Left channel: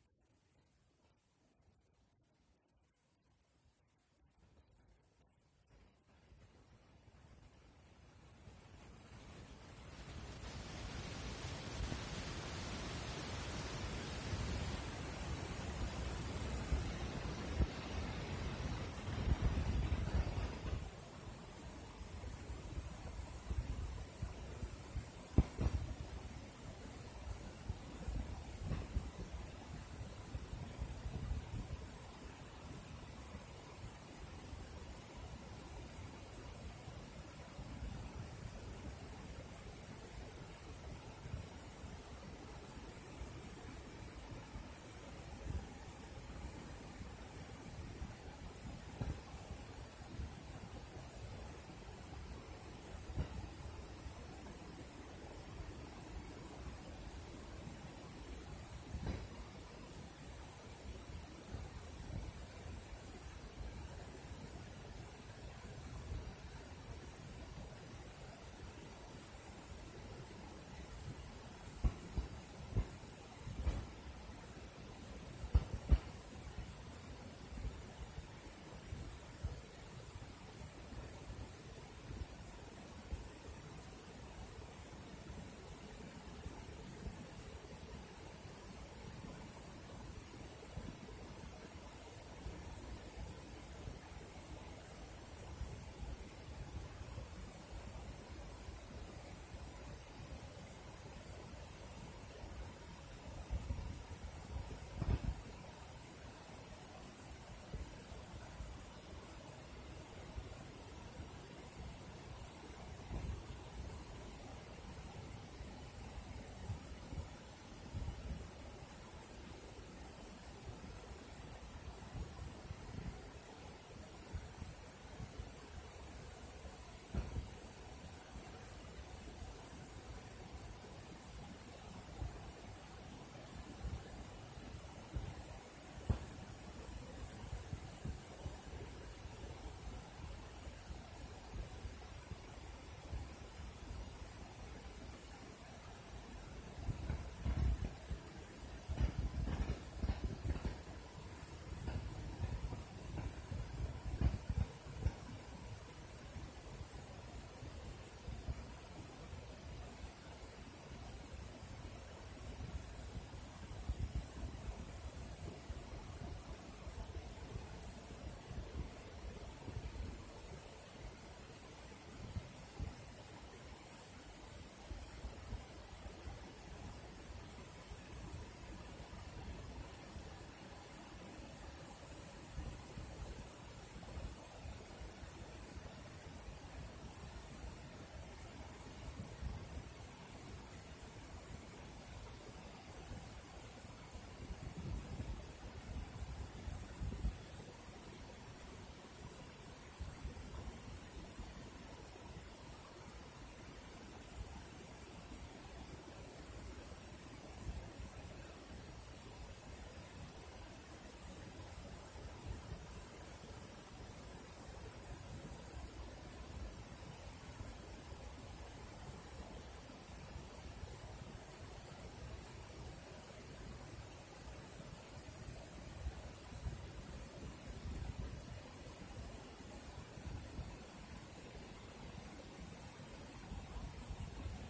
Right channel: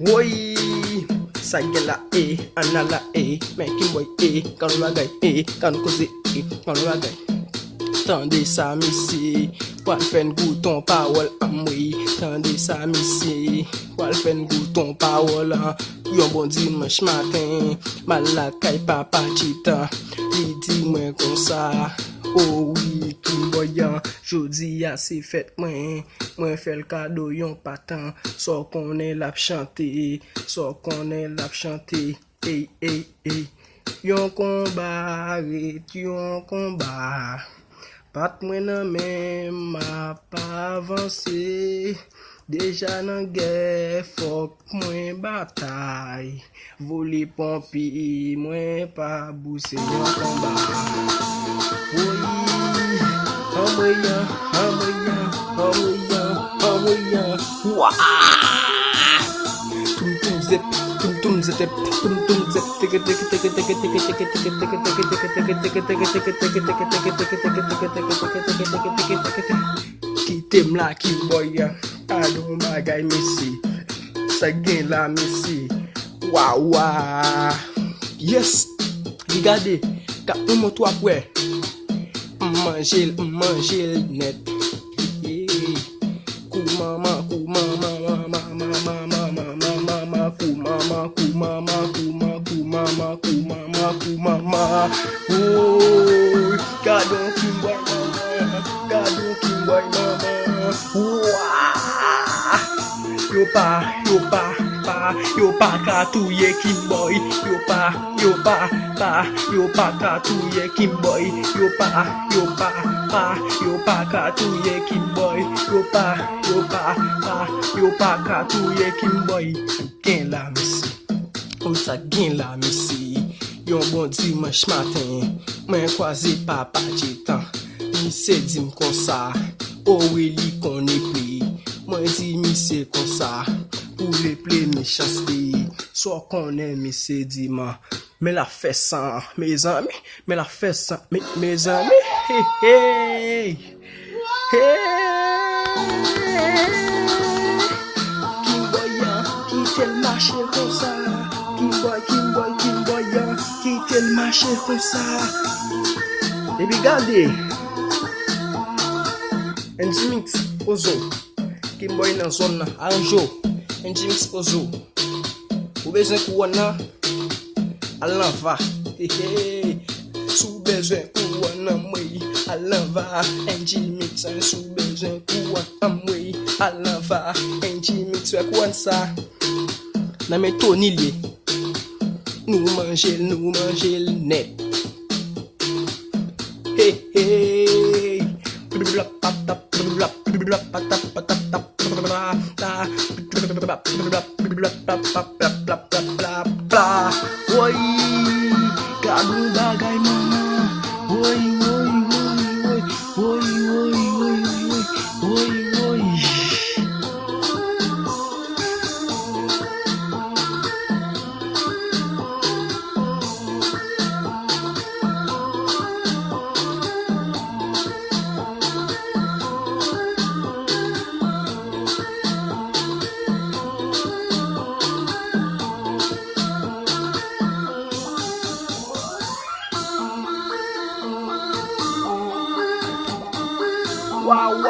Woi, sagela anala making boy kan ragay kan koze kan ragay. Tendez ça missy, wal fen gouton parole amwe. Tendez ça missy, wal fen gouton parole. Yon bon dimanche matin, malade kay papa chita. Li di mwen kon sa. Oh oui, tout boyan, jodi a se fête mwen fèl kado yon patan. So konen lap chante, so konen lap chante. Yon komba, yon komba. Pat mwen nan men ma pa avanse. Deja nan gè fok mwen batay. Voli pompi mwen pa bouse yon komba. Wah! Tum zip, tum zip, tum zip, Kitem la ki boy, adon bagay misi, sa gen la misi. Waouh! Yes! Regardez, kap mon toi après. Manger net. Kumama. Oh, gadon kimboy mama. Wah! Yo pa katouye kimboy. Yo pa katouye kimboy. Yo pa katouye kimboy. Yo pa katouye kimboy. Gen la misi. On sa gen la misi. Yon bon dimanche matin, mwen kwaze papa chetan. Mi se di m kon sa, ouwe li kon e ple. Mwen di mi se kon sa, pou le ple mi chaste. So konen mi se di ma, me la fè san, mes ami. Me la fè san, mes ami. Hey! Kimboyan, ki tel mache kon sa. Kimboy, ki tel mache kon sa. E bi gade, Njimix ozo. Kimboy nan zon nan, anjo. Njimix ozo. Ou bezen kou wana, alan va. Sou bezen kou wana mwe, alan va. Njimix sou bezen kou wana mwe, alan va. Njimix wek wan sa. Nan men Tony li. Nou manje net. Hey. Woy, gadou bagay mama. Woy. Wow.